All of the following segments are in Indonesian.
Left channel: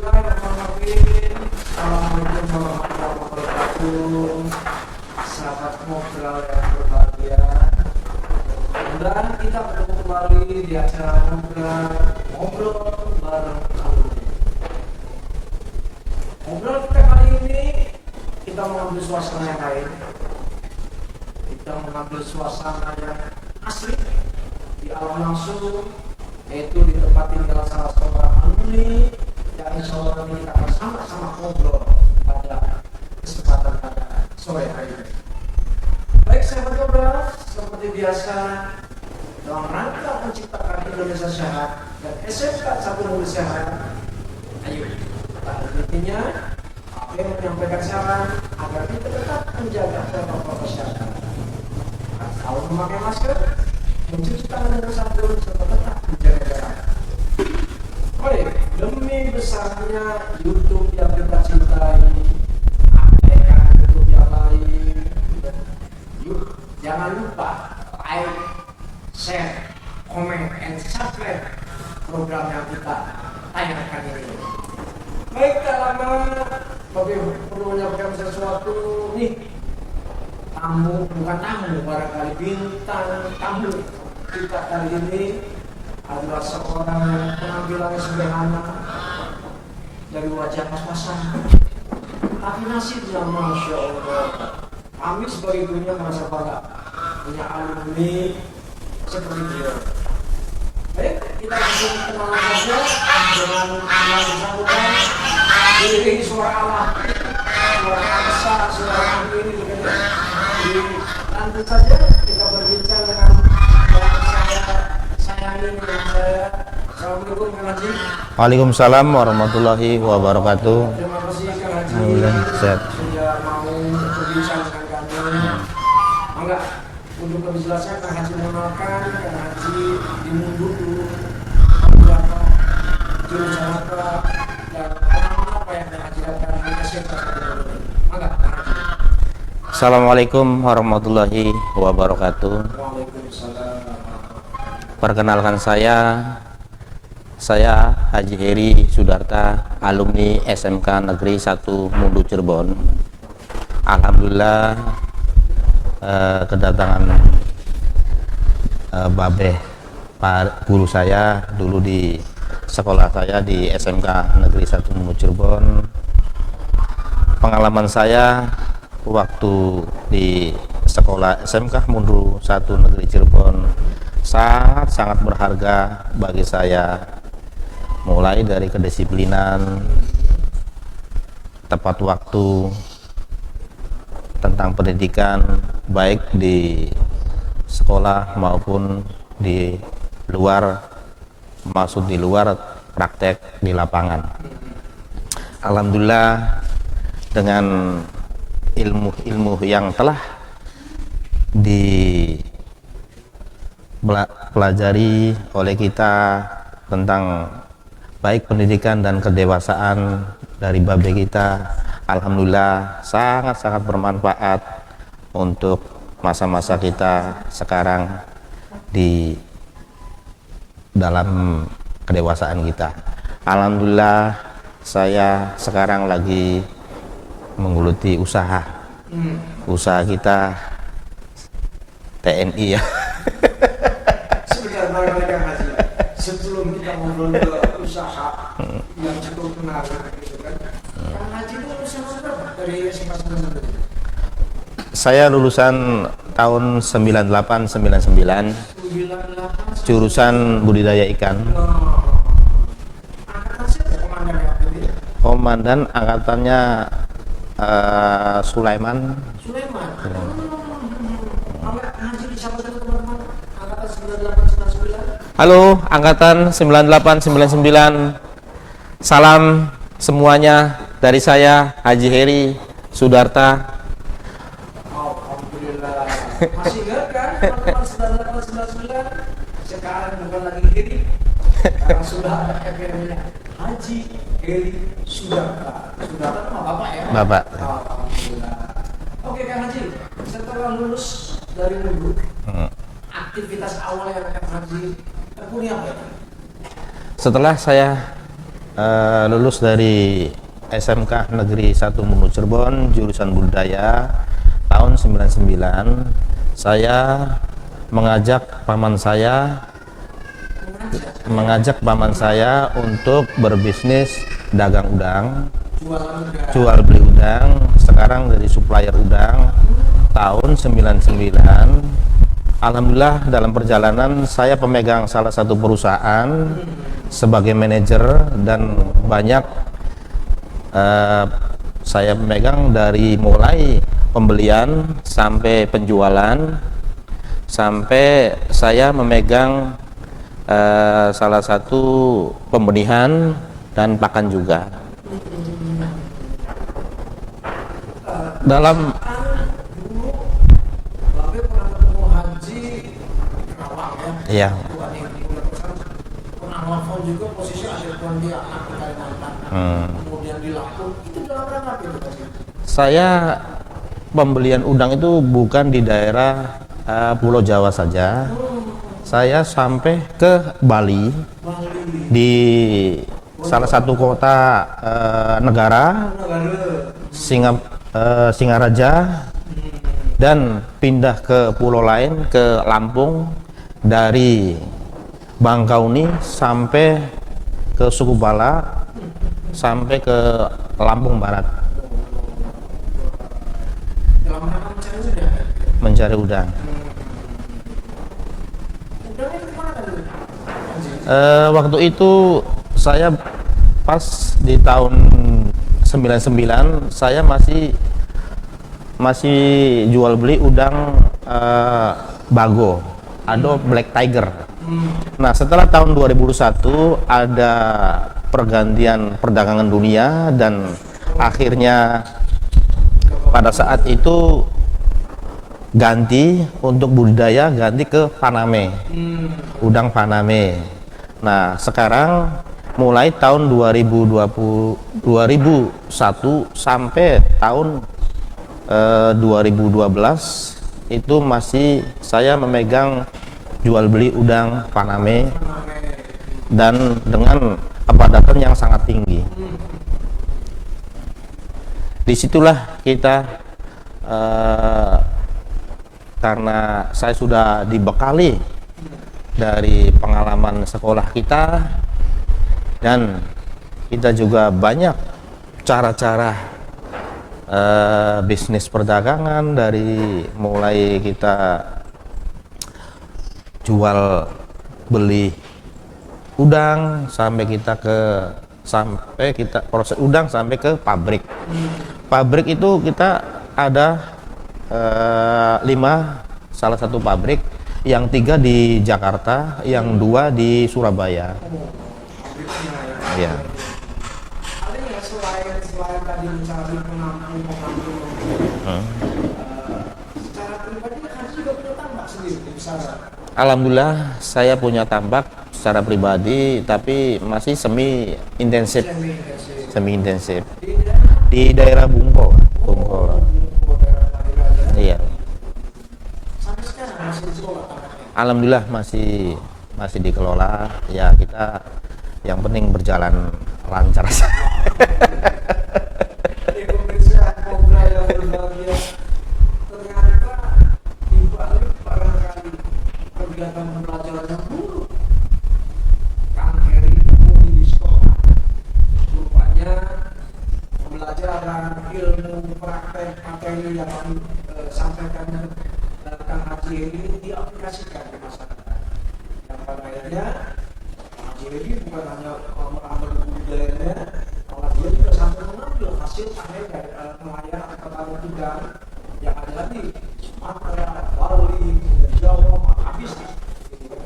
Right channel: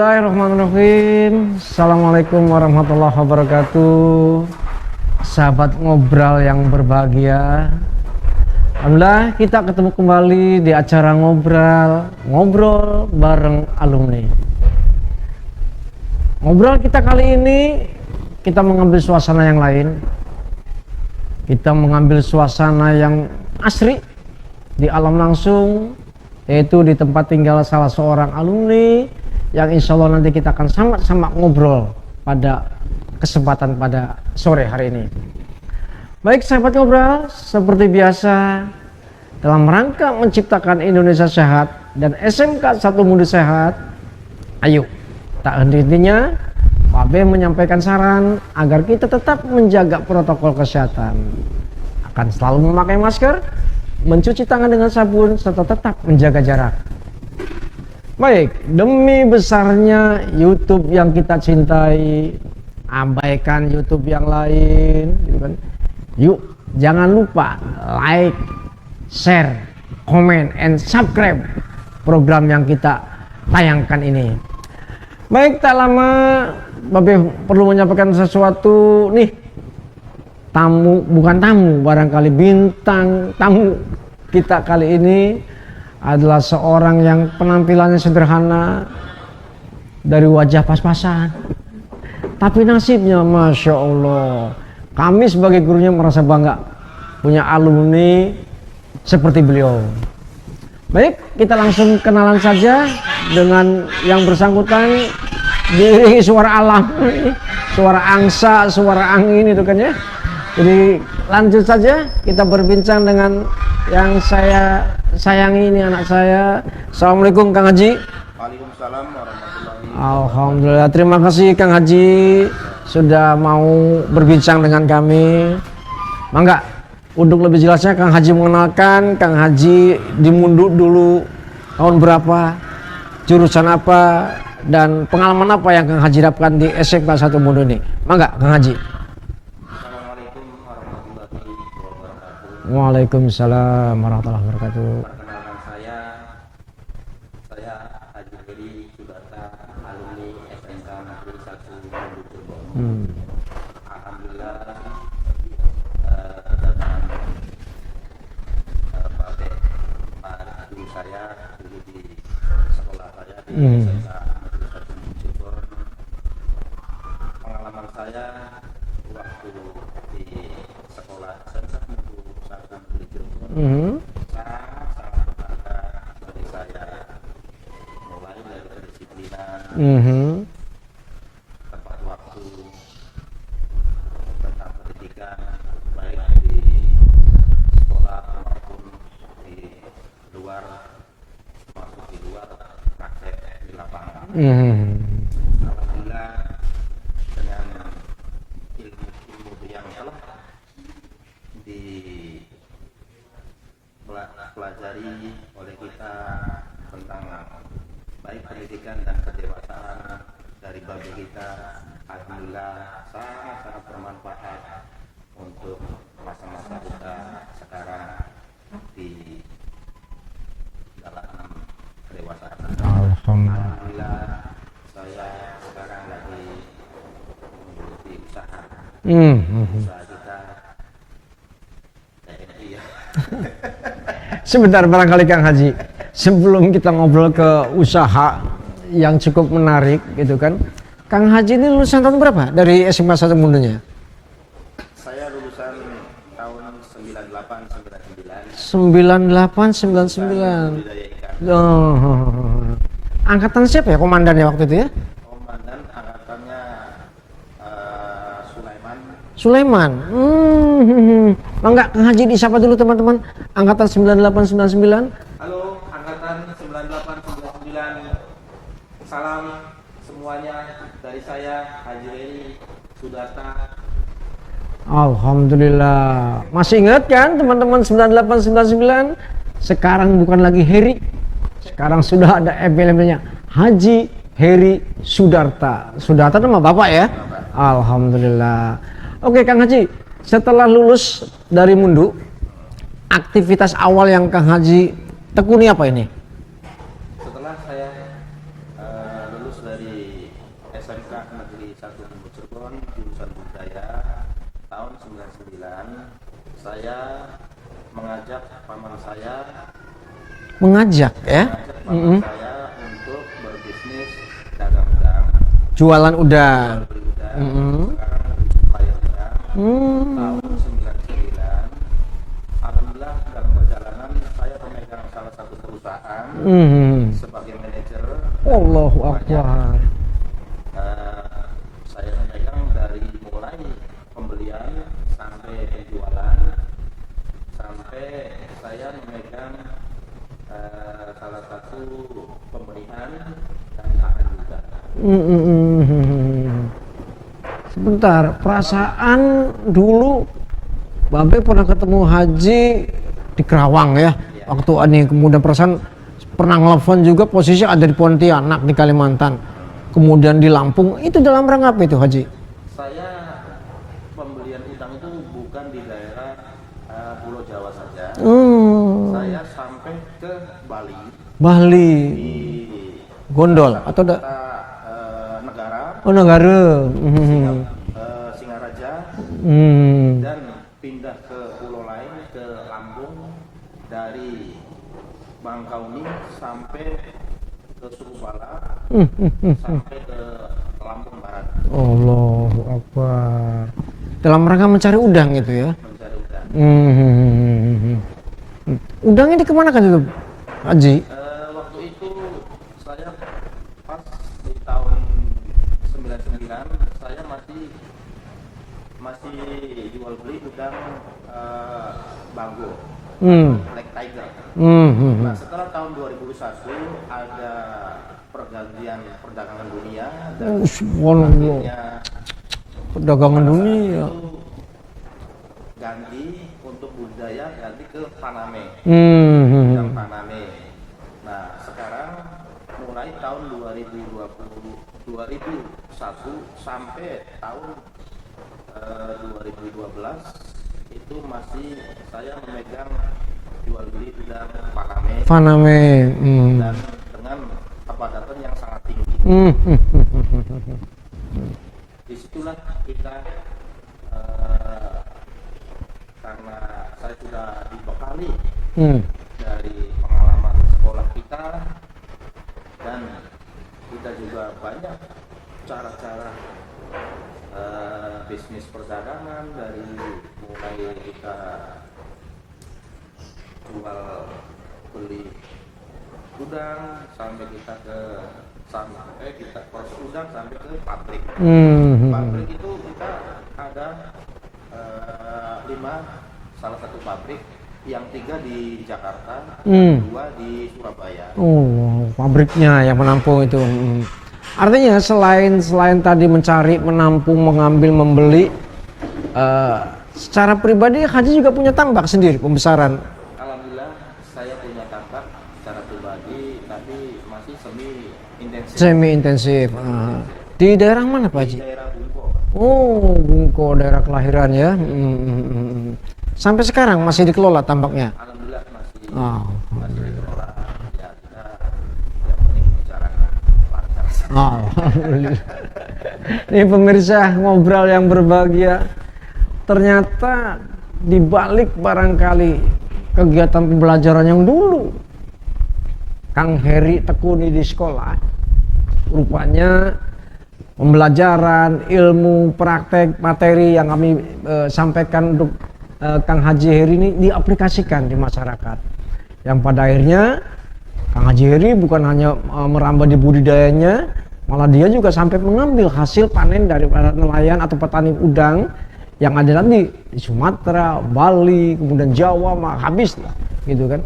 Bismillahirrahmanirrahim. Assalamualaikum warahmatullahi wabarakatuh. Sahabat ngobrol yang berbahagia, alhamdulillah kita ketemu kembali di acara ngobrol bareng alumni. Ngobrol kita kali ini kita mengambil suasana yang lain. Kita mengambil suasana yang asri di alam langsung, yaitu di tempat tinggal salah seorang alumni yang insya Allah nanti kita akan sama-sama ngobrol pada kesempatan pada sore hari ini. Baik sahabat ngobrol, seperti biasa dalam rangka menciptakan Indonesia sehat dan SMK 1 Muda Sehat, ayo tak henti-hentinya Pak B menyampaikan saran agar kita tetap menjaga protokol kesehatan, akan selalu memakai masker, mencuci tangan dengan sabun, serta tetap menjaga jarak. Baik, demi besarnya YouTube yang kita cintai, abaikan YouTube yang lain. Yuk, jangan lupa like, share, comment, and subscribe program yang kita tayangkan ini. Baik, tak lama Babe perlu menyampaikan sesuatu nih. Bukan tamu, barangkali bintang tamu kita kali ini adalah seorang yang penampilannya sederhana, dari wajah pas-pasan, tapi nasibnya Masya Allah. Kami sebagai gurunya merasa bangga punya alumni seperti beliau. Baik, kita langsung kenalan saja dengan yang bersangkutan. Diiringi suara alam, suara angsa, suara angin itu kan ya. Jadi lanjut saja kita berbincang dengan yang saya sayangi, ini anak saya. Assalamualaikum Kang Haji. Waalaikumsalam warahmatullahi wabarakatuh. Terima kasih Kang Haji sudah mau berbincang dengan kami. Mangga, untuk lebih jelasnya Kang Haji mengenalkan Kang Haji di Munduk dulu tahun berapa, jurusan apa, dan pengalaman apa yang Kang Haji dapatkan di SMK 1 Munduk ini. Mangga Kang Haji. Assalamualaikum warahmatullahi wabarakatuh. Waalaikumsalam warahmatullahi wabarakatuh. Perkenalkan saya Haji Heri Sudarta, alumni SMK Negeri 1 Mundu Cirebon. Alhamdulillah kedatangan Babeh, Pak guru saya dulu di sekolah saya di SMK Negeri 1 Mundu Cirebon. Pengalaman saya waktu di sekolah SMK Mundu 1 Negeri Cirebon sangat berharga bagi saya, mulai dari kedisiplinan, tepat waktu, tentang pendidikan baik di sekolah maupun di luar, maksud di luar praktek di lapangan. Alhamdulillah dengan ilmu yang telah dipelajari oleh kita tentang baik pendidikan dan kedewasaan dari Babe kita, alhamdulillah sangat bermanfaat untuk masa-masa kita sekarang di dalam kedewasaan kita. Alhamdulillah saya sekarang lagi menggeluti usaha kita TNI ya. Sebentar barangkali Kang Haji, sebelum kita ngobrol ke usaha yang cukup menarik gitu kan, Kang Haji ini lulusan tahun berapa dari SMK 1 Mundunya? Saya lulusan tahun 98-99. 98-99. Jurusan budidaya ikan. Angkatan siapa ya komandannya waktu itu ya? Komandan angkatannya Sulaiman. Enggak, Kang Haji disapa dulu teman-teman. Angkatan 98-99. Halo, angkatan 98-99. Salam semuanya dari saya Haji Heri Sudarta. Alhamdulillah. Masih ingat kan teman-teman 98-99? Sekarang bukan lagi Heri. Sekarang sudah ada emblemnya Haji Heri Sudarta. Sudarta nama Bapak ya? Bapak. Alhamdulillah. Oke Kang Haji, setelah lulus dari Mundu, aktivitas awal yang Kang Haji tekuni apa ini? Setelah saya lulus dari SMK Negeri 1 Mulu Cirebon, jurusan budaya tahun 99. Saya mengajak paman saya Mengajak ya? mengajak paman saya untuk berbisnis dagang udang, Jualan udang. jual beli udang. Sekarang dari supplier udang tahun 99. Alhamdulillah dalam perjalanan saya pemegang salah satu perusahaan sebagai manajer, dan Allahu banyak saya memegang dari mulai pembelian sampai penjualan, sampai saya memegang salah satu pembenihan dan pakan juga. Sebentar, perasaan dulu Babe pernah ketemu Haji di Kerawang ya? Iya. Waktu ini kemudian perasaan pernah ngelepon juga, posisi ada di Pontianak di Kalimantan. Kemudian di Lampung, itu dalam rangka apa itu Haji? Saya pembelian udang itu bukan di daerah Pulau Jawa saja. Saya sampai ke Bali, Bali. di Gondol, salah satu atau kota negara, Oh negara. Singaraja, dan pindah ke pulau lain, ke Lampung, dari Bangkauni sampai ke Suku Bala, sampai ke Lampung Barat, Allahu Akbar. Dalam rangka mencari udang itu ya? mencari udang. Udangnya dikemanakan itu Haji? Waktu itu saya pas di tahun 99, saya masih jual beli udang Bago atau Black Tiger. Nah, setelah tahun 2001 ada pergantian perdagangan dunia, dan akhirnya Perdagangan pada saat dunia. itu ganti untuk budidaya, ganti ke Paname, udang Paname. Nah, sekarang mulai tahun 2001 sampai tahun 2012 itu masih saya memegang jual beli udang Paname, dan dengan kepadatan yang sangat tinggi. Disitulah kita karena saya sudah dibekali dari pengalaman sekolah kita, dan kita juga banyak cara-cara bisnis perdagangan, dari mulai kita jual beli udang sampai kita proses udang sampai ke pabrik. Pabrik itu kita ada 5, salah satu pabrik, yang 3 di Jakarta, yang 2 di Surabaya. Oh, pabriknya yang menampung itu. Artinya selain tadi mencari, menampung, mengambil, membeli, secara pribadi Haji juga punya tambak sendiri pembesaran. Alhamdulillah saya punya tambak secara pribadi, tapi masih semi intensif. Semi intensif. Di daerah mana Pak? Di daerah Bungko. Oh, Bungko, daerah kelahiran ya. Iya. Sampai sekarang masih dikelola tambaknya? Alhamdulillah masih dikelola. Ya, kita yang penting berjalan lancar saja. Ini pemirsa ngobrol yang berbahagia. Ternyata dibalik barangkali kegiatan pembelajaran yang dulu Kang Heri tekuni di sekolah, rupanya pembelajaran, ilmu, praktek, materi yang kami sampaikan untuk Kang Haji Heri ini diaplikasikan di masyarakat, yang pada akhirnya Kang Haji Heri bukan hanya merambah di budidayanya, malah dia juga sampai mengambil hasil panen dari para nelayan atau petani udang yang ada nanti di Sumatera, Bali, kemudian Jawa, habis gitu kan.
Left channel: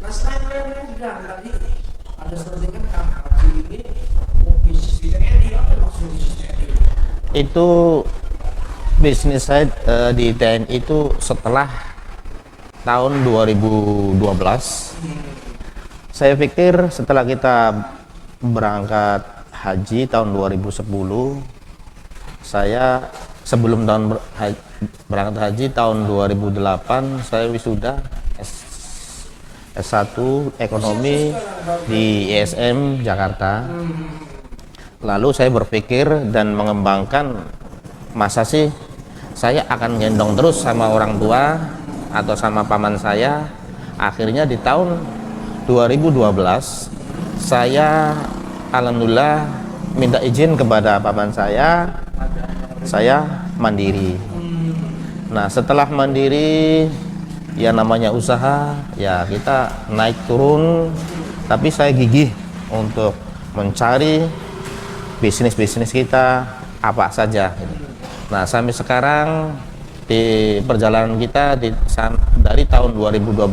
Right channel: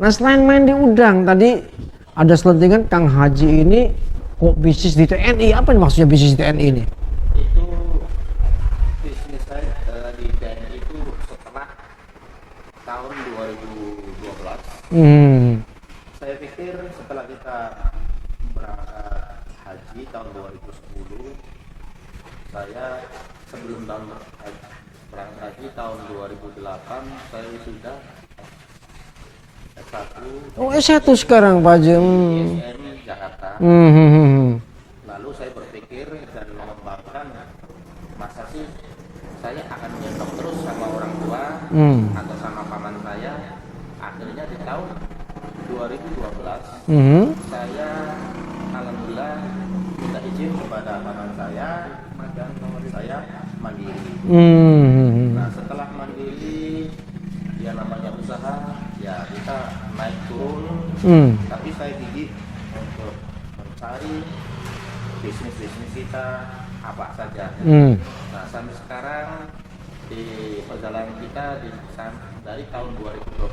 Nah, selain main di udang tadi ada selentingan Kang Haji ini kok bisnis di TNI. Apa maksudnya bisnis di TNI ini? Itu bisnis saya di TNI itu setelah tahun 2012. Saya pikir setelah kita berangkat haji tahun 2010, saya sebelum berangkat haji tahun 2008 saya wisuda S1 S1 ekonomi sekarang Pak Haji. di ISM Jakarta. Lalu saya berpikir dan mengembangkan, masa sih saya akan gendong terus sama orang tua atau sama paman saya. Akhirnya di tahun 2012 saya alhamdulillah minta izin kepada paman saya mandiri. Nah, setelah mandiri, ya namanya usaha, ya kita naik turun, tapi saya gigih untuk mencari bisnis-bisnis kita apa saja. Nah, sampai sekarang di perjalanan kita dari tahun 2012,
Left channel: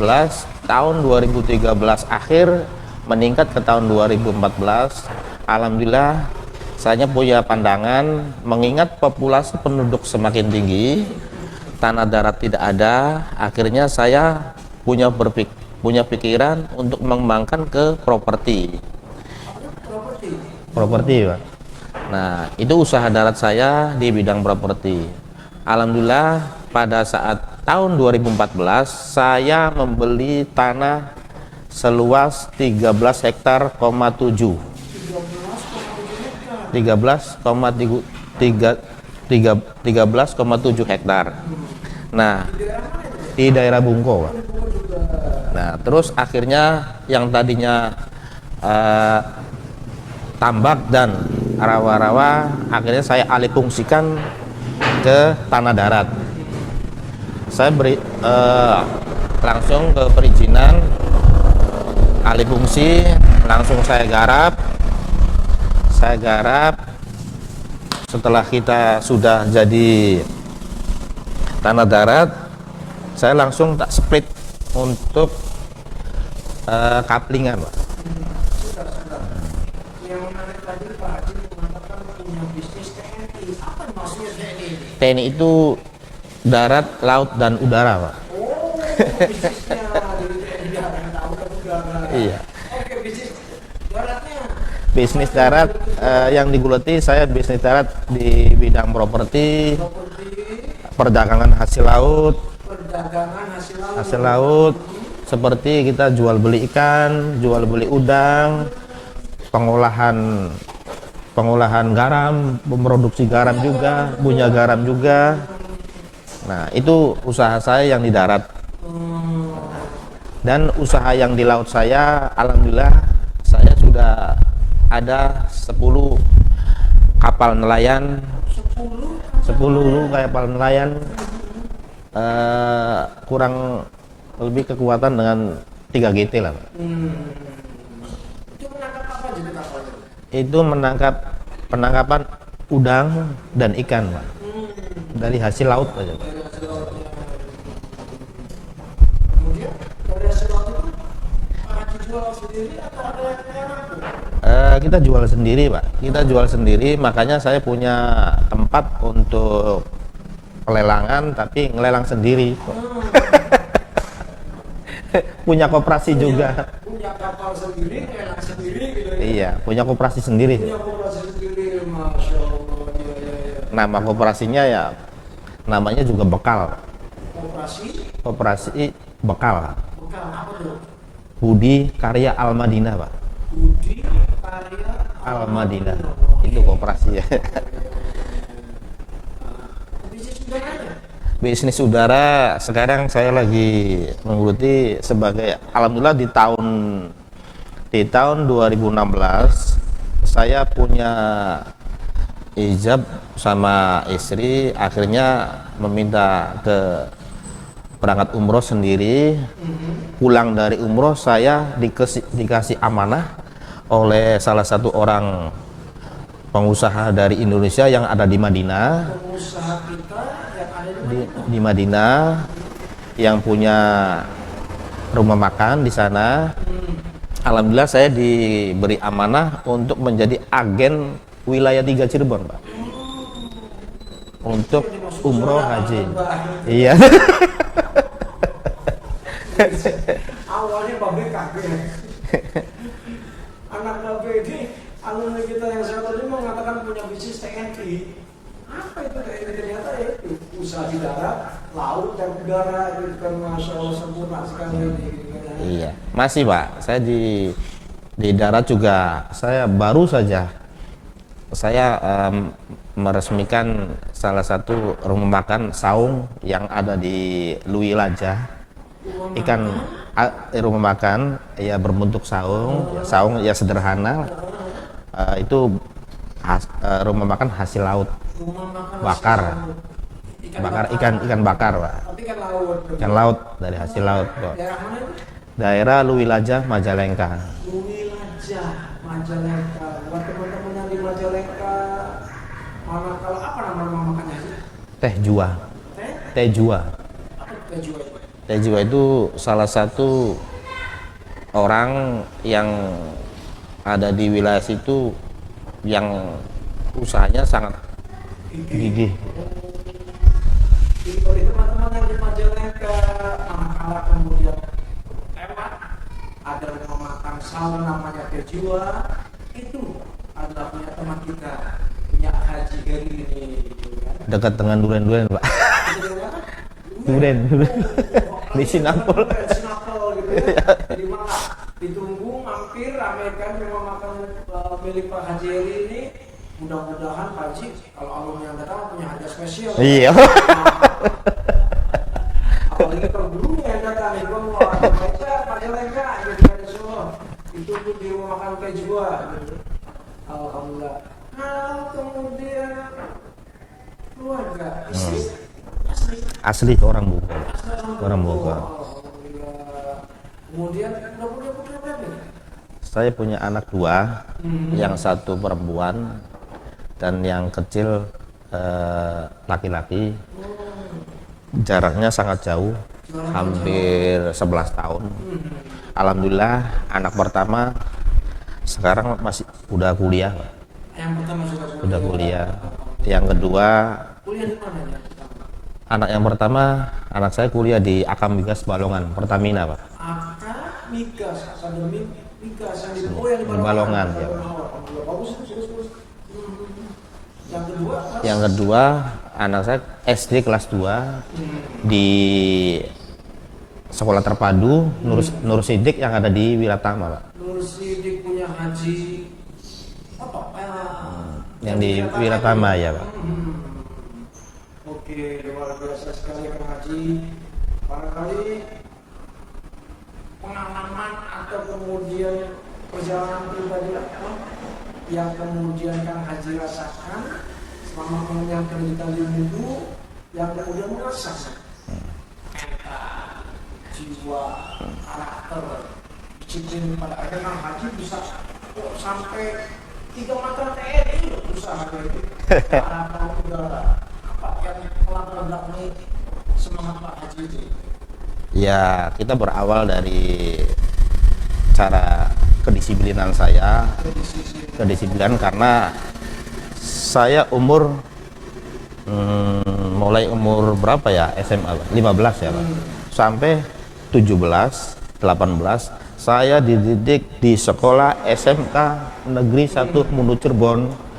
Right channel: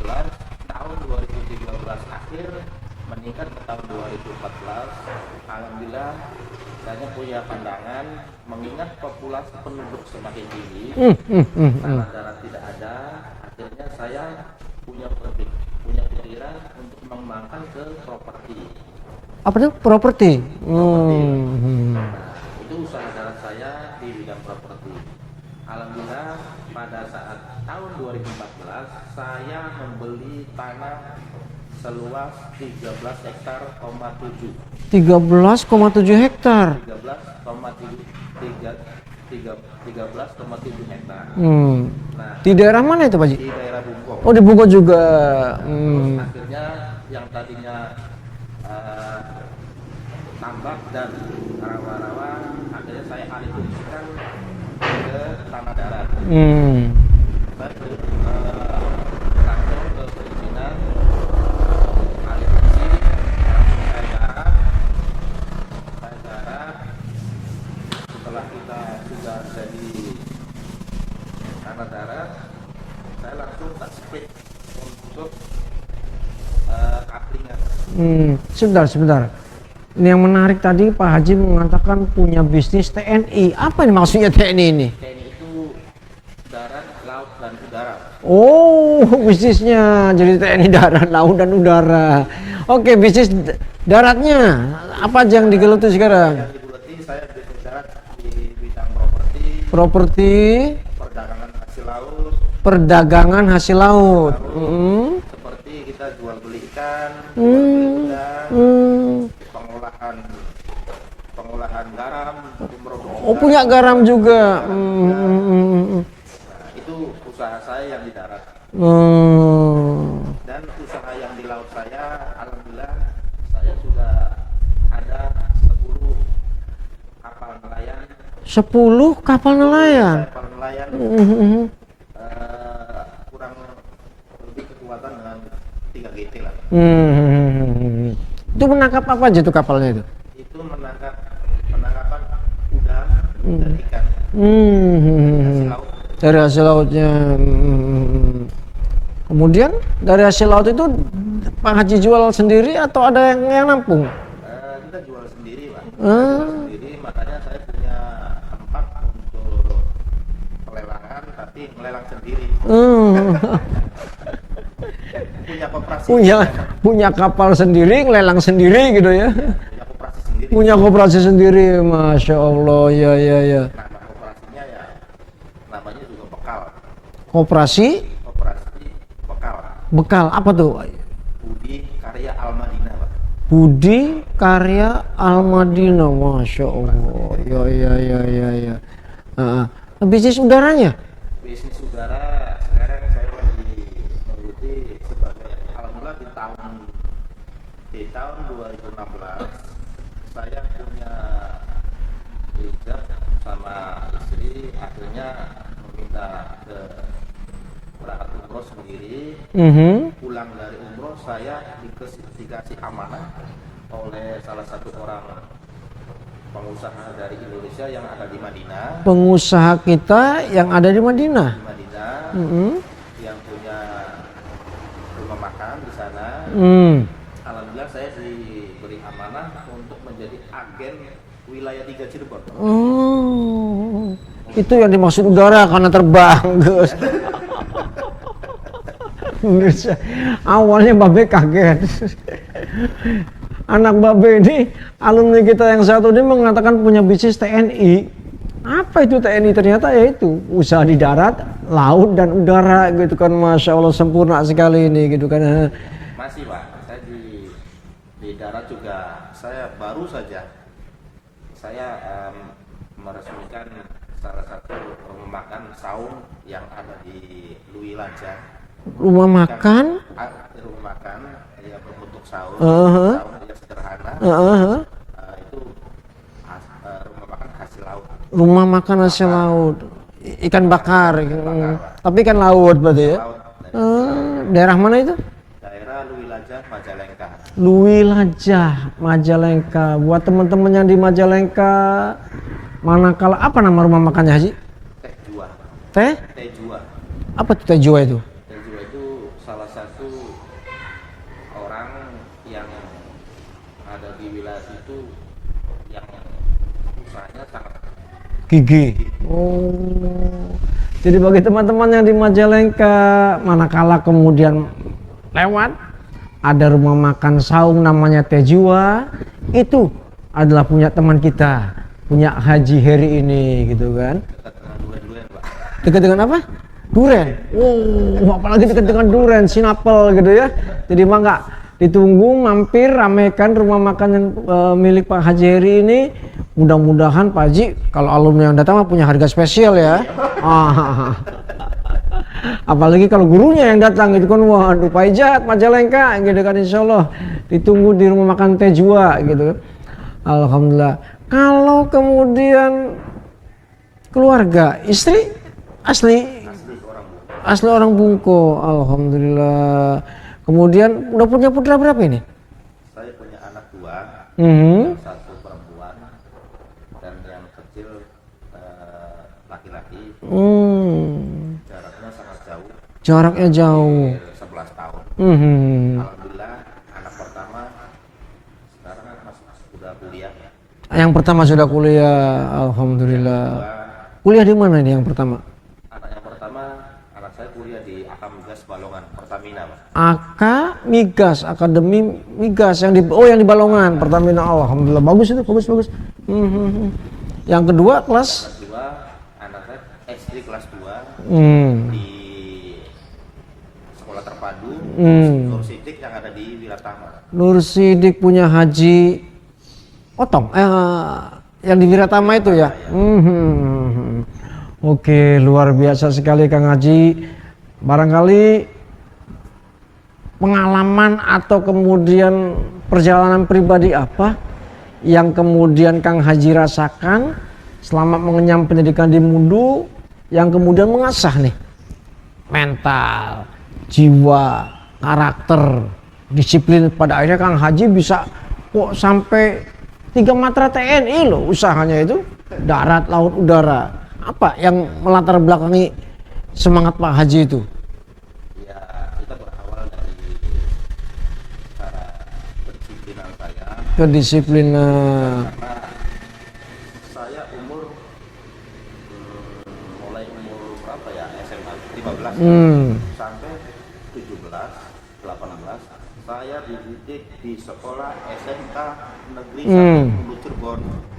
tahun 2013 akhir meningkat ke tahun 2014. Alhamdulillah saya punya pandangan, mengingat populasi penduduk semakin tinggi, tanah darat tidak ada, akhirnya saya punya pikiran untuk mengembangkan ke properti. Apa itu properti? Properti, Pak. Nah, itu usaha darat saya di bidang properti. Alhamdulillah pada saat tahun 2014 saya membeli tanah seluas 13 hektar, 13,7 hektar. 13,7 hektar. Nah, Di daerah mana itu Pak Haji? di daerah Bungko. Oh, di Bogor juga. Nah, terus akhirnya yang tadinya tambak dan rawa-rawa, akhirnya saya alih fungsikan ke tanah darat. Saya beri langsung ke perizinan alih fungsi, langsung saya garap. Setelah kita sudah jadi tanah darat, saya langsung tak split untuk kaplingan, Pak. Sebentar. Ini yang menarik tadi Pak Haji mengatakan punya bisnis TNI. Apa ini maksudnya TNI ini? TNI itu darat, laut, dan udara, Pak. Oh, bisnisnya jadi TNI darat, laut, dan udara. Iya. Oke, bisnis daratnya Bisnis apa aja yang darat, digeluti sekarang? yang digeluti saya bisnis darat di bidang properti, perdagangan hasil laut, seperti kita jual beli ikan, jual beli udang, pengolahan garam, memproduksi garam. Punya garam juga. Punya garam juga. Nah, itu usaha saya yang di darat. Dan usaha yang di laut saya, alhamdulillah saya sudah ada 10 kapal nelayan. 10 kapal nelayan. Kapal nelayan. Kurang lebih kekuatan dengan 3 GT lah, Pak. Itu menangkap apa aja itu kapalnya itu? Itu penangkapan udang dan ikan, Pak. Dari hasil laut aja, Pak. Dari hasil lautnya. Kemudian dari hasil laut itu Pak Haji jual sendiri atau ada yang nampung? Kita jual sendiri, Pak. Kita jual sendiri, makanya saya punya tempat untuk pelelangan, tapi ngelelang sendiri. Punya koperasi juga. Punya kapal sendiri, ngelelang sendiri gitu ya? Iya, punya koperasi sendiri. Punya koperasi sendiri, Masya Allah, ya. Nama koperasinya ya, namanya juga Bekal. Koperasi Bekal. Bekal, apa tuh? Budi Karya Al Madinah, Pak. Budi Karya Al Madinah, Masya Allah. Ya. Bisnis udaranya? Bisnis udara sekarang saya lagi menggeluti sebagai, alhamdulillah di tahun 2016 saya punya ijab sama istri, akhirnya meminta ke berangkat umroh sendiri. Pulang dari umroh saya dikasih amanah oleh salah satu orang pengusaha dari Indonesia yang ada di Madinah. Pengusaha kita yang ada di Madinah. Di Madinah, yang punya rumah makan di sana. Alhamdulillah saya diberi amanah untuk menjadi agen wilayah 3 Cirebon, Pak. Itu yang dimaksud udara karena terbang. Iya. Awalnya Babe kaget. Anak Babe ini, alumni kita yang satu ini mengatakan punya bisnis TNI. Apa itu TNI? Ternyata ya itu usaha di darat, laut dan udara gitu kan, masya Allah sempurna sekali ini gitu kan. Iya, masih Pak. Saya di darat juga. Saya baru saja meresmikan salah satu rumah makan saung yang ada di Lui Laja. Rumah makan? Rumah makan ya berbentuk saung, saung ya sederhana. Itu rumah makan hasil laut. Rumah makan hasil laut. Ikan bakar. Ikan bakar, Pak. Tapi ikan laut berarti Ikan ya? laut dari hasil laut. Pak. Daerah mana itu? Daerah Lui Laja, Majalengka. Lui Laja, Majalengka. Buat teman-teman yang di Majalengka, manakala apa nama rumah makannya Haji? Teh Jua. Teh? Teh Jua. Apa tuh teh jua itu? Teh Jua itu salah satu orang yang ada di wilayah situ yang usahanya sangat Gigi. Oh. Jadi bagi teman-teman yang di Majalengka, manakala kemudian lewat ada rumah makan saung namanya Teh Jua, itu adalah punya teman kita, punya Haji Heri ini gitu kan. dekat dengan duren-duren, Pak. Dekat dengan apa? Duren. Oh, apalagi dekat dengan duren, sinapel gitu ya. Jadi mah nggak ditunggu, mampir, ramekan rumah makan yang milik Pak Haji Heri ini. Mudah-mudahan Pak Haji kalau alumni yang datang punya harga spesial ya. Iya. Apalagi kalau gurunya yang datang gitu kan, wah Pak Ijat Majalengka gitu kan, insya Allah ditunggu di rumah makan Teh Jua gitu kan. Alhamdulillah. Kalau kemudian keluarga, istri Asli orang Bu. asli orang Bungko, alhamdulillah. Kemudian udah punya putra berapa ini? Saya punya anak 2, yang satu perempuan dan yang kecil laki-laki. Jaraknya sangat jauh. Jaraknya hampir jauh. 11 tahun. Alhamdulillah anak pertama sekarang masih udah kuliah. Yang pertama sudah kuliah, alhamdulillah. Yang kedua, kuliah di mana ini yang pertama? anak saya kuliah di Akam Migas Balongan, Pertamina, Pak. Migas, Akademi Migas yang di yang di Balongan, Pertamina. Oh, alhamdulillah bagus itu, bagus. Yang kedua kelas? Yang kedua, anak saya SD kelas 2 di Sekolah Terpadu Nur Sidik yang ada di Wiratama, Pak. Nur Sidik punya Haji Otong, yang di Wiratama itu ya? Ya, Oke, luar biasa sekali Kang Haji. Barangkali pengalaman atau kemudian perjalanan pribadi apa yang kemudian Kang Haji rasakan selama mengenyam pendidikan di Mundu, yang kemudian mengasah nih mental, jiwa, karakter, disiplin, pada akhirnya Kang Haji bisa kok sampai 3 matra TNI loh usahanya itu, darat, laut, udara. Apa yang melatar belakangi semangat Pak Haji itu? Ya, kita berawal dari cara kedisiplinan saya. Kedisiplinan karena saya mulai umur berapa ya, SMA 15 ya, sampai 17, 18 saya dididik di sekolah SMK Negeri 1 Mundu Cirebon.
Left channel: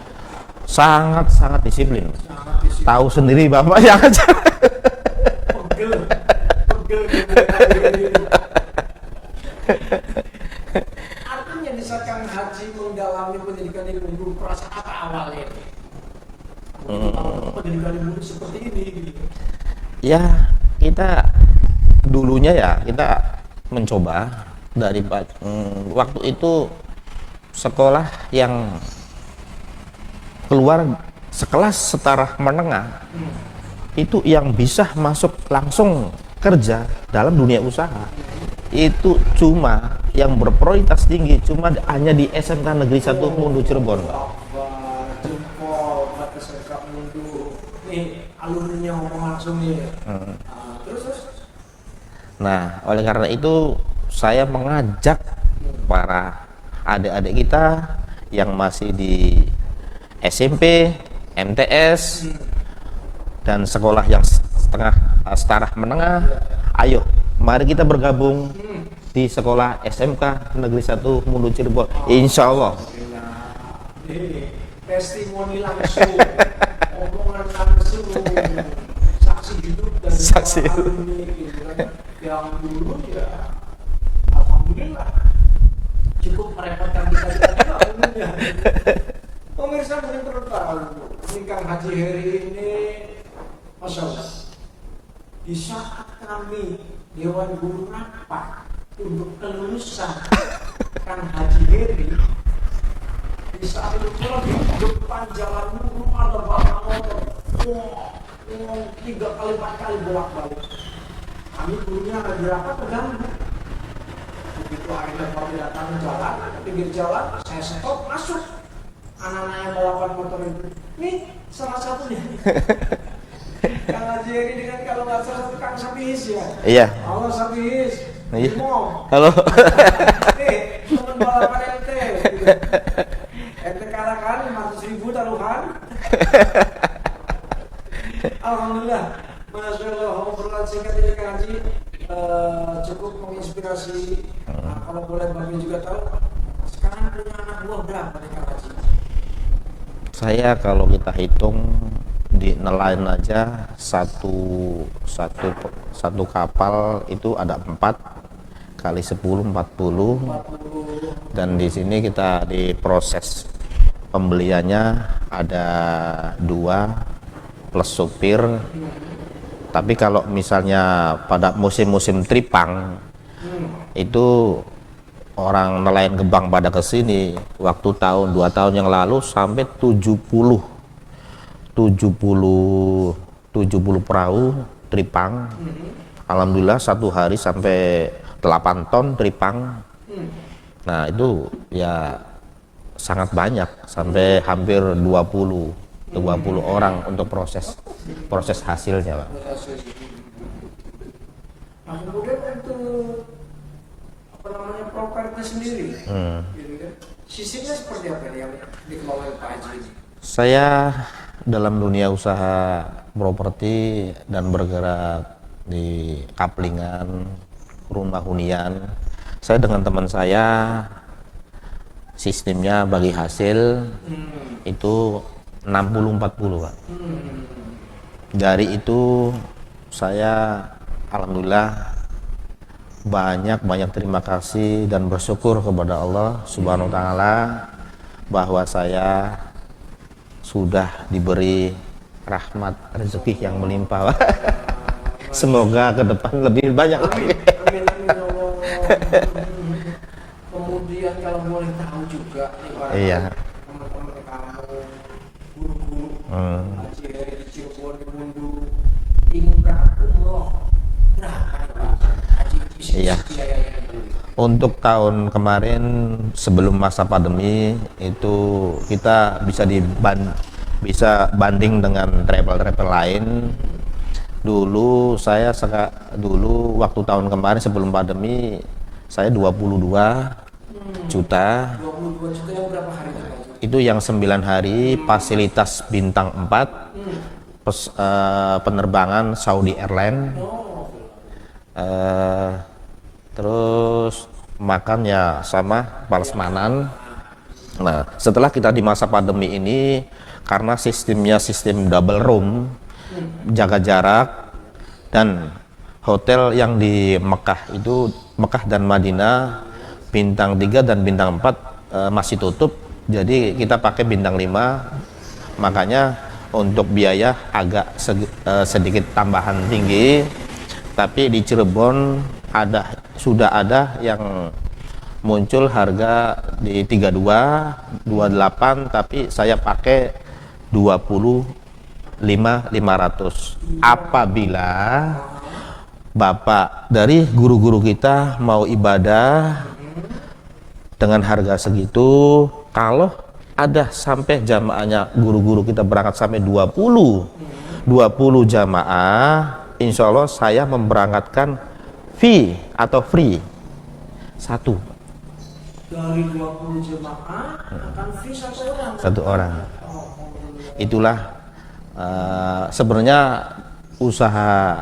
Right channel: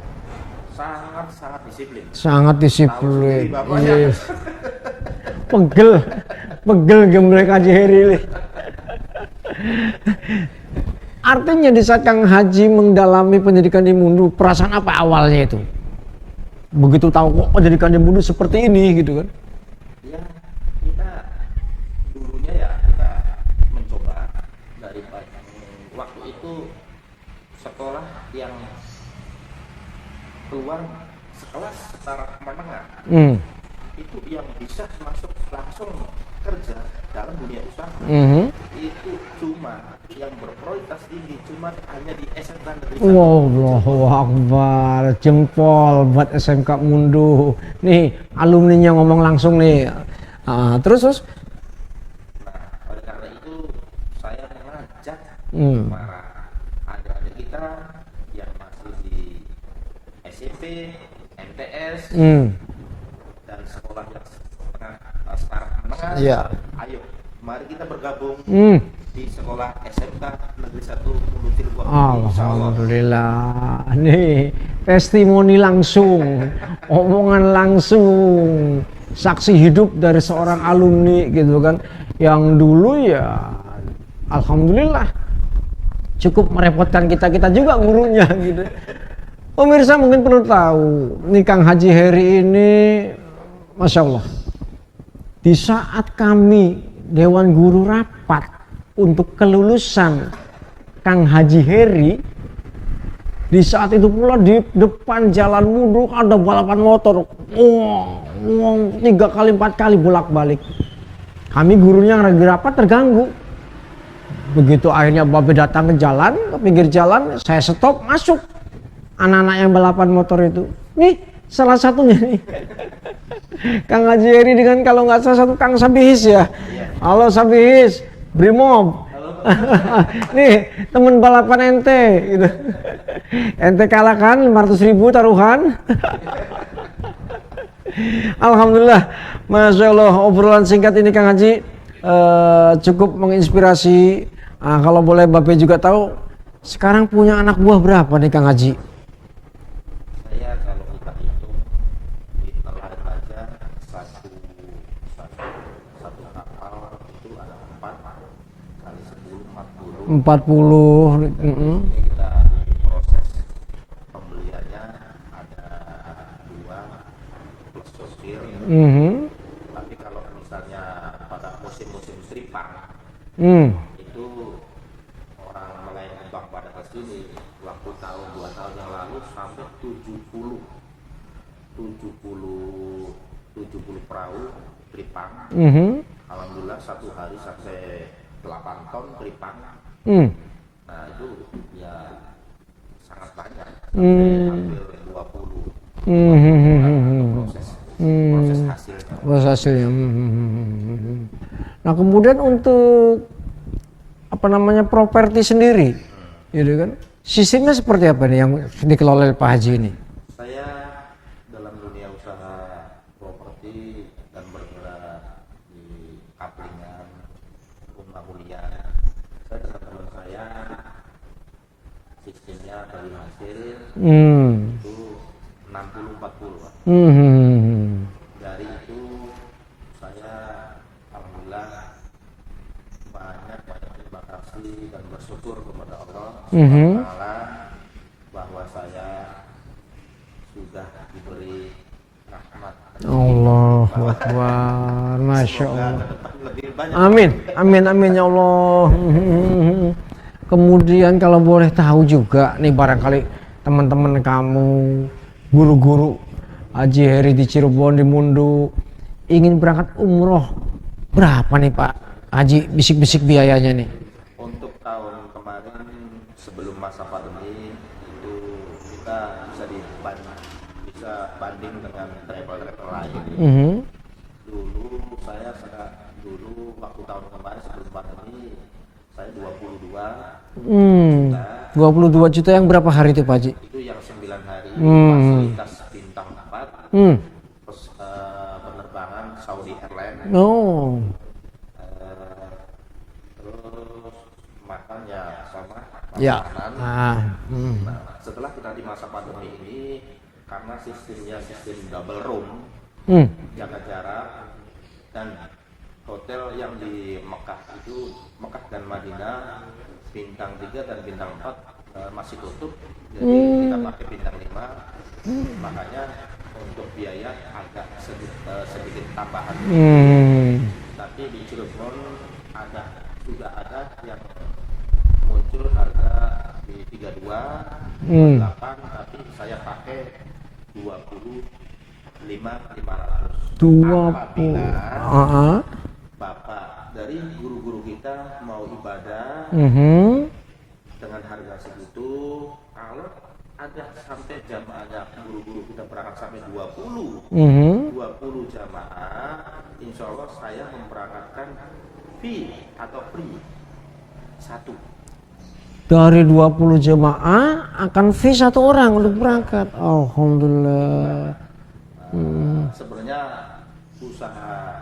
Sangat disiplin. Tahu sendiri Bapak ya. Pegel gemblek Haji Heri. Artinya di saat Kang Haji mendalami pendidikan di Mundu, perasaan apa awalnya itu? Begitu tahu pendidikan di Mundu seperti ini gitu kan? Ya, kita dulunya ya kita mencoba dari waktu itu sekolah yang keluar sekelas setara menengah itu yang bisa masuk langsung kerja dalam dunia usaha itu cuma yang berprioritas tinggi cuma hanya di SMK Negeri 1 Mundu Cirebon. Akbar, jempol buat SMK Mundu. Nih alumninya ngomong langsung nih. Terus? Nah, oleh karena itu saya mengajak para adik-adik kita yang masih di SMP, MTS, dan sekolah yang setara menengah. Ayo, mari kita bergabung di sekolah SMK Negeri 1 Mundu Cirebon. Insya Allah. Alhamdulillah. Nih testimoni langsung, omongan langsung. saksi hidup dari seorang alumni gitu kan, yang dulu ya alhamdulillah cukup merepotkan kita juga gurunya gitu. Pemirsa mungkin perlu tahu nih, Kang Haji Heri ini Masya Allah, di saat kami Dewan Guru rapat untuk kelulusan Kang Haji Heri, di saat itu pula di depan jalan Muduk ada balapan motor, 3 kali 4 kali bolak-balik. Kami gurunya lagi rapat terganggu. Begitu akhirnya Babe datang ke jalan, ke pinggir jalan, saya stop, masuk. Anak-anak yang balapan motor itu, nih salah satunya nih. Kang Haji Heri dengan kalau nggak salah satu Kang Sabihis ya. Iya. Halo Sabihis, Brimob. Halo. Nih temen balapan ente. Gitu. Ente kalahkan 500.000 taruhan. Alhamdulillah, Masya Allah, obrolan singkat ini Kang Haji cukup menginspirasi. Nah, kalau boleh Bapak juga tahu, sekarang punya anak buah berapa nih Kang Haji? Saya kalau kita hitung di nelayan aja satu kapal itu ada 4 kali 10 40. Dan Dan di sini kita di proses pembeliannya ada 2 plus supir. Tapi kalau misalnya pada musim-musim tripang itu orang nelayan Gebang pada kesini waktu tahun 2 tahun yang lalu sampai 70 perahu tripang. Alhamdulillah satu hari sampai 8 ton tripang. Nah itu ya sangat banyak, sampai hampir 20 orang untuk proses hasilnya, Pak. Proses hasilnya. Nah kemudian untuk properti sendiri, gitu kan? Sistemnya seperti apa nih yang dikelola oleh Pak Haji ini? Saya dalam dunia usaha properti dan bergerak di kaplingan, rumah hunian. Saya dengan teman saya sistemnya bagi hasil itu 60-40, Pak. Dari itu saya alhamdulillah banyak terima kasih dan bersyukur kepada Allah Subhanahu wa taala bahwa saya sudah diberi rahmat rezeki yang melimpah. Semoga ke depan lebih banyak. Amin ya Allah. Kemudian kalau boleh tahu juga nih barangkali teman-teman kamu, guru-guru Haji Heri di Cirebon, di Mundu, ingin berangkat umroh, berapa nih Pak Haji bisik-bisik biayanya nih? Untuk tahun kemarin sebelum masa pandemi itu kita bisa banding dengan travel lain. Dulu waktu tahun kemarin sebelum pandemi saya 22 juta. 22 juta yang berapa hari itu Pak Haji? Itu yang 9 hari, fasilitas bintang 4, penerbangan Saudi Airlines. Terus makan ya sama prasmanan. Nah, setelah kita di masa pandemi ini, karena sistemnya sistem double room, jaga jarak, dan hotel yang di Mekah dan Madinah bintang 3 dan bintang 4 masih tutup, jadi kita pakai bintang 5. Makanya untuk biaya agak sedikit tambahan tinggi. Tapi di Cirebon sudah ada yang muncul harga di 32, 28, tapi saya pakai 25.500. Apabila Bapak dari guru-guru kita mau ibadah dengan harga segitu, kalau ada sampai jamaahnya guru-guru kita berangkat sampai 20 jamaah, insya Allah saya memberangkatkan fee atau free 1. Dari 20 jemaah akan fee 1 orang untuk berangkat. Alhamdulillah. Itulah sebenarnya usaha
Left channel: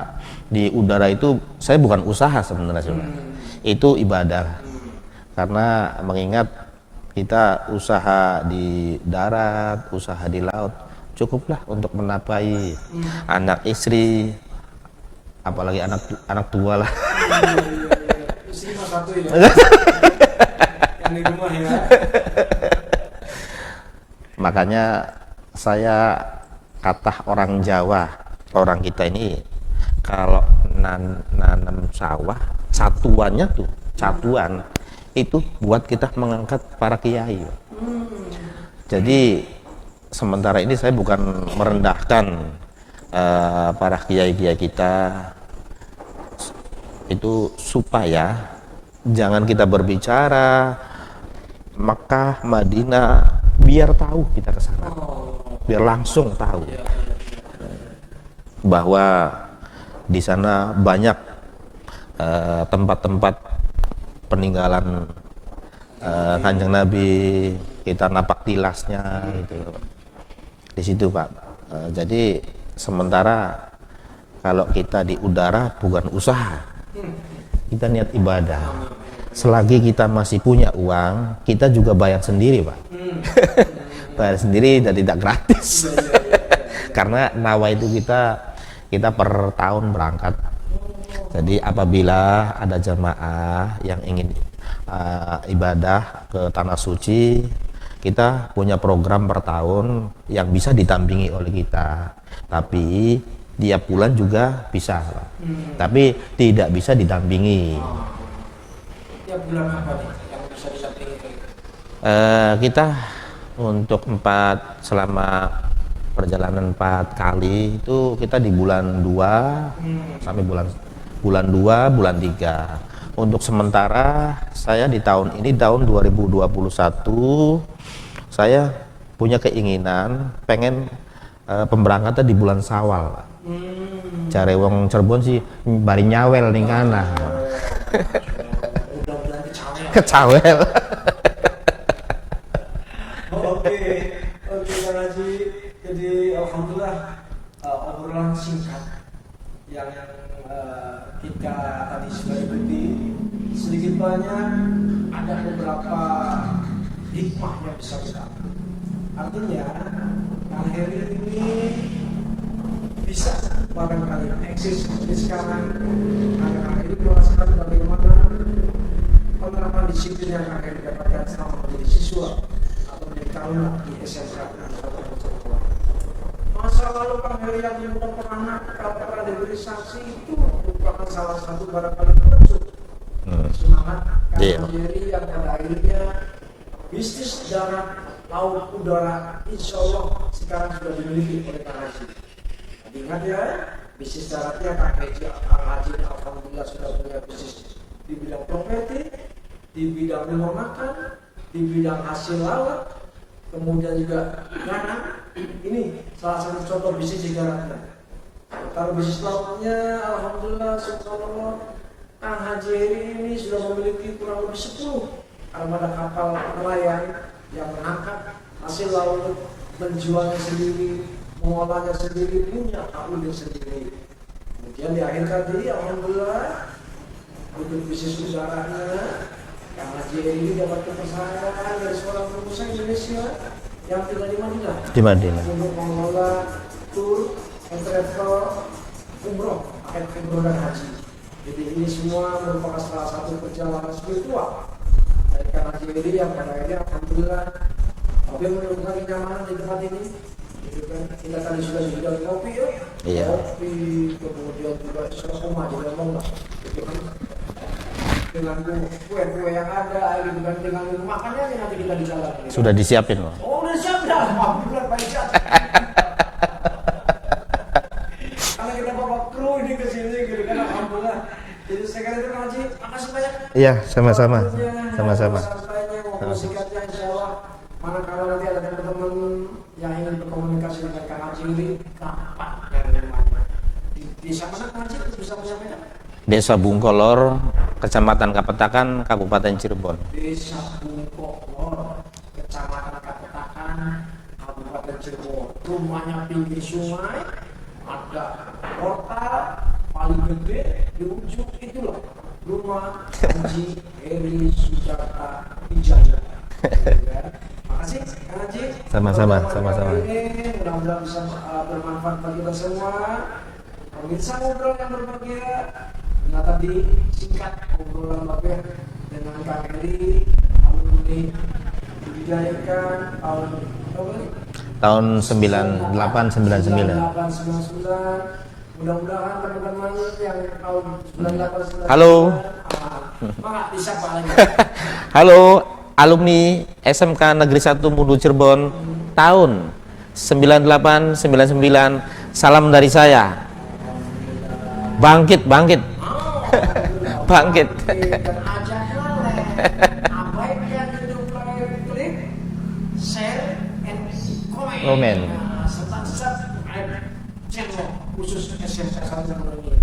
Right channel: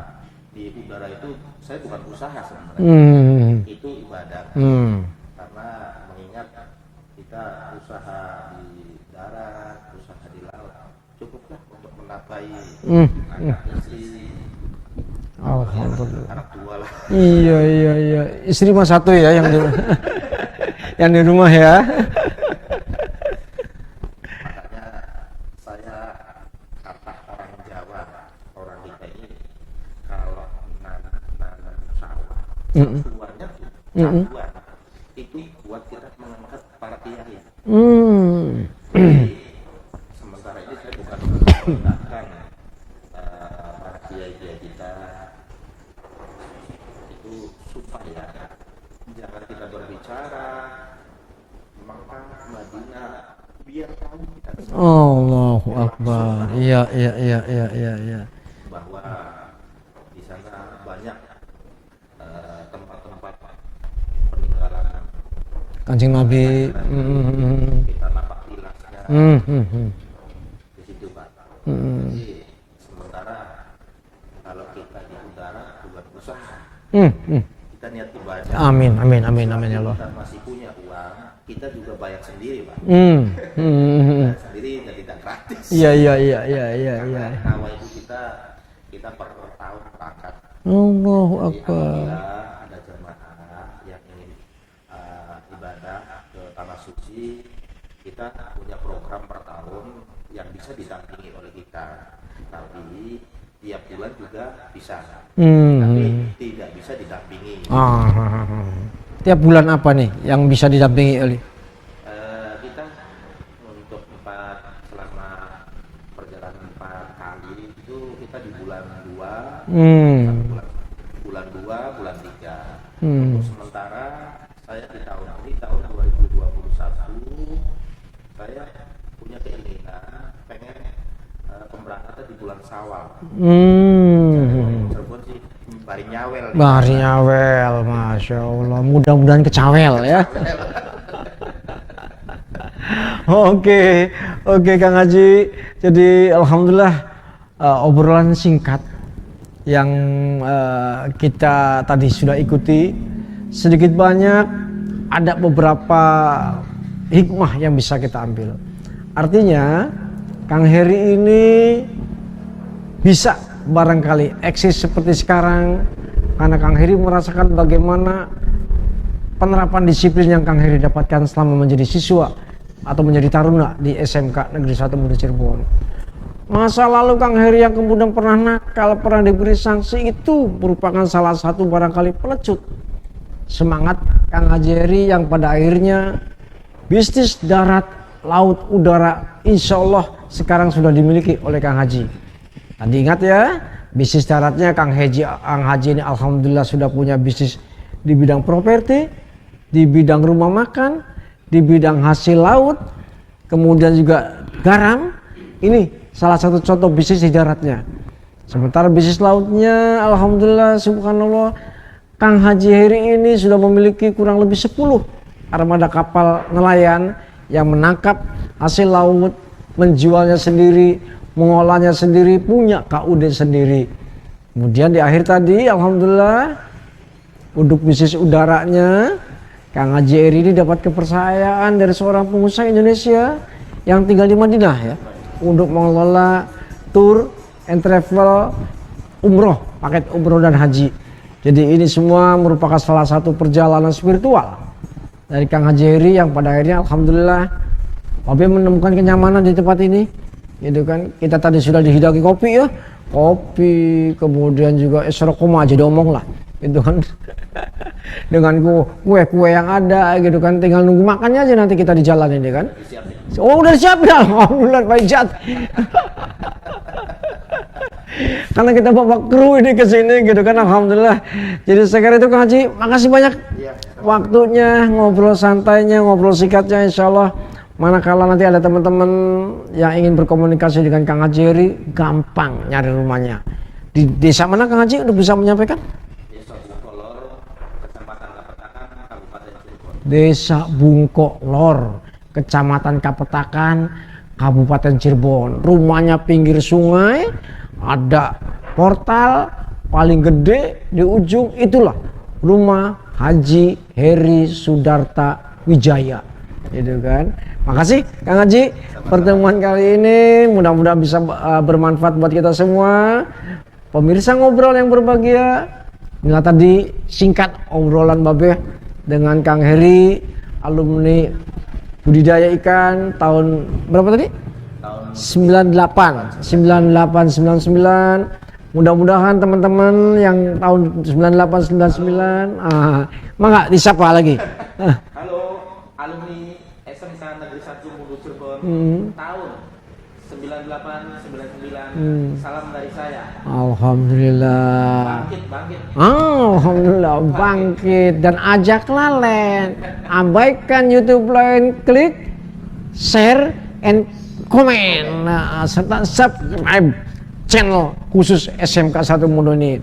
di udara itu saya bukan usaha sebenarnya. Itu ibadah. Karena mengingat kita usaha di darat, usaha di laut cukuplah untuk menapai anak istri, apalagi anak tua lah. Iya. Istri mah satu ya yang yang di rumah ya. Makanya saya kata orang Jawa, orang kita ini kalau nanam sawah, satuan itu buat kita mengangkat para kiai. Jadi sementara ini saya bukan merendahkan para kiai-kiai kita, itu supaya jangan kita berbicara Makkah, Madinah, biar tahu kita ke sana. Biar langsung tahu. Iya. Bahwa di sana banyak tempat-tempat peninggalan Kanjeng Nabi, kita napak tilasnya di situ, Pak. Jadi sementara kalau kita di udara bukan usaha, kita niat ibadah. Amin. Selagi kita masih punya uang, kita juga bayar sendiri, Pak. Bayar sendiri dan tidak gratis. Iya. Karena nawa itu kita per tahun berangkat. Jadi apabila ada jamaah yang ingin ibadah ke tanah suci, kita punya program per tahun yang bisa ditampingi oleh kita. Tapi tiap bulan juga bisa, tapi tidak bisa didampingi. Tiap bulan apa nih yang bisa didampingi oleh? Kita untuk selama perjalanan 4 kali itu kita di bulan 2 sampai bulan 2, bulan 3. Untuk sementara saya di tahun 2021 saya punya keinginan pengen pemberangkatan di bulan Syawal. Cari wong Cirebon sih bari nyawel nih. Bari nyawel, Masya Allah. Mudah-mudahan kecawel. Ya. Oke, Kang Haji. Jadi alhamdulillah obrolan singkat yang kita tadi sudah ikuti, sedikit banyak ada beberapa hikmah yang bisa kita ambil. Artinya Kang Heri ini bisa barangkali eksis seperti sekarang karena Kang Heri merasakan bagaimana penerapan disiplin yang Kang Heri dapatkan selama menjadi siswa atau menjadi taruna di SMK Negeri 1 Muda Cirebon. Masa lalu Kang Heri yang kemudian pernah nakal, pernah diberi sanksi, itu merupakan salah satu barangkali pelecut semangat Kang Haji Heri yang pada akhirnya bisnis darat, laut, udara insya Allah sekarang sudah dimiliki oleh Kang Haji. Tadi ingat ya, bisnis daratnya Kang Haji ini alhamdulillah sudah punya bisnis di bidang properti, di bidang rumah makan, di bidang hasil laut, kemudian juga garam. Ini salah satu contoh bisnis di daratnya. Sementara bisnis lautnya alhamdulillah subhanallah Kang Haji Heri ini sudah memiliki kurang lebih 10 armada kapal nelayan yang menangkap hasil laut, menjualnya sendiri, mengolahnya sendiri, punya KUD sendiri. Kemudian di akhir tadi alhamdulillah untuk bisnis udaranya Kang Haji Heri ini dapat kepercayaan dari seorang pengusaha Indonesia yang tinggal di Madinah ya. Di Madinah. Untuk mengelola tour and travel umroh, paket umroh dan haji. Jadi ini semua merupakan salah satu perjalanan spiritual dari Kang Haji Heri yang pada akhirnya alhamdulillah Papi menemukan kenyamanan di tempat ini. Gitu kan. Kita tadi sudah dihidangi kopi ya. Iya. Kopi, kemudian juga esrokoma aja diomong lah. Gitu kan. Dengan kue-kue yang ada gitu kan, tinggal nunggu makannya aja nanti kita di jalan ini kan. Sudah disiapin. Oh, udah disiapin. Alhamdulillah Pak Ijat. Karena kita bawa kru ini ke sini gitu kan, alhamdulillah. Jadi sekarang itu Kang Haji, makasih banyak. Iya, sama-sama. Waktunya, ngobrol santainya, ngobrol singkatnya, insyaallah. Manakala nanti ada teman-teman yang ingin berkomunikasi dengan Kang Haji Heri, gampang nyari rumahnya. Di desa mana Kang Haji udah bisa menyampaikan? Desa Bungkolor, Kecamatan Kapetakan, Kabupaten Cirebon. Desa Bungkolor, Kecamatan Kapetakan, Kabupaten Cirebon. Rumahnya pinggir sungai, ada portal paling gede di ujung, itulah rumah Haji Heri Sudarta Wijaya. Gitu kan. Makasih Kang Haji. Sama-sama, Pertemuan kali sama-sama. ini mudah-mudahan bisa bermanfaat buat kita semua. Pemirsa ngobrol yang berbahagia. Inilah tadi singkat obrolan Babe dengan Kang Heri, alumni budidaya ikan tahun berapa tadi? Tahun 98 98 99. Mudah-mudahan teman-teman yang tahun 98 99 Halo. Mangga disapa lagi. Halo, alumni SMK Negeri 1 Mundu Cirebon tahun 98 99. Salam dari saya. Alhamdulillah. Bangkit, bangkit. Alhamdulillah Bangkit. bangkit dan ajaklah Len. Abaikan YouTube lain, klik share and comment. Nah, serta subscribe channel khusus SMK 1 Mundu ini.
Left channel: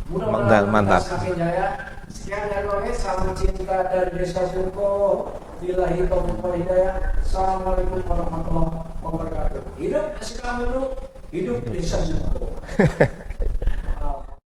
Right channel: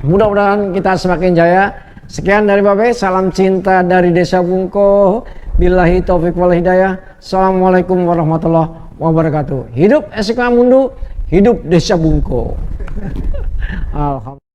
Mudah-mudahan kita Mantap. semakin jaya. Sekian dari Babe, salam cinta dari Desa Bungko. Billahi taufiq wal hidayah. Assalamualaikum warahmatullahi wabarakatuh. Hidup SMK Mundu, hidup Desa Bungko. Alhamdulillah.